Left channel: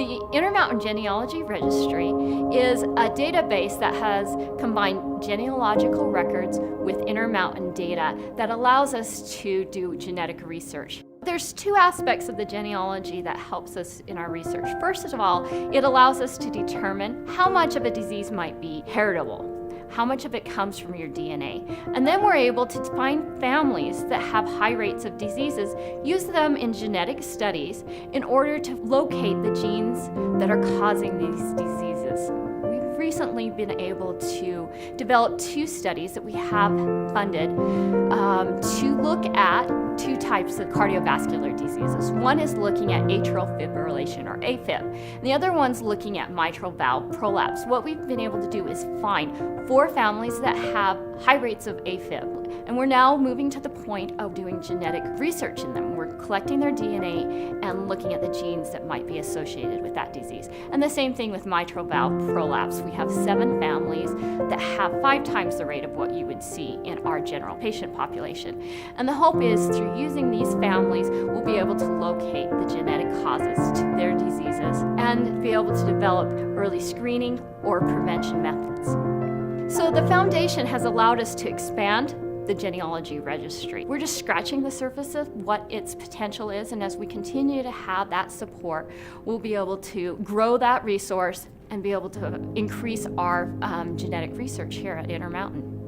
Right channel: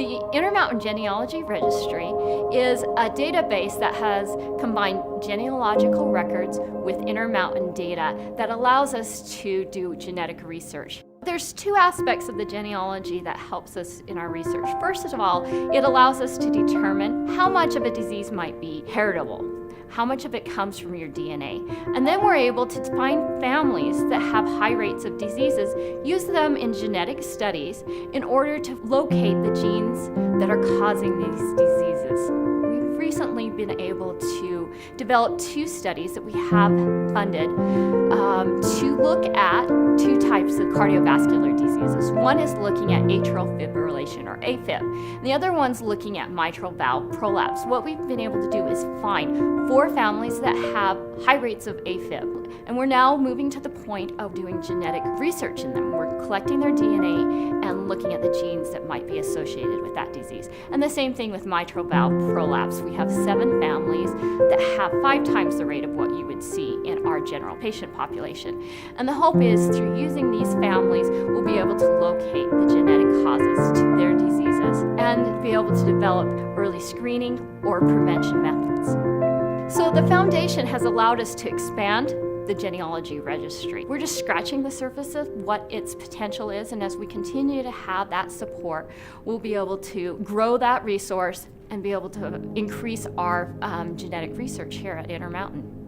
The Intermountain Genealogy Registry is a database that has combined genealogical records with Intermountain data that allows us to do genetic research. There's two aspects of the genealogy that helps us in our research. First of all, it allows us to determine how much of a disease might be heritable, how much of it comes from your DNA. And then we're able to find families that have high rates of diseases, use them in genetic studies in order to locate the genes that are causing these diseases. We've recently been able to develop two studies that we have funded to look at two types of cardiovascular diseases. One is looking at atrial fibrillation, or AFib, and the other one's looking at mitral valve prolapse. What we've been able to do is find 4 families that have high rates of AFib, and we're now moving to the point of doing genetic research in them. We're collecting their DNA and looking at the genes that might be associated with that disease. And the same thing with mitral valve prolapse. We have 7 families that have 5 times the rate of what you would see in our general patient population. And the hope is through using these families, we'll be able to locate the genetic causes to their diseases and be able to develop early screening or prevention methods. So the foundation has allowed us to expand the genealogy registry. We're just scratching the surface of what its potential is, and as we continue to have that support, we'll be able to grow that resource and be able to increase our genetic research here at Intermountain.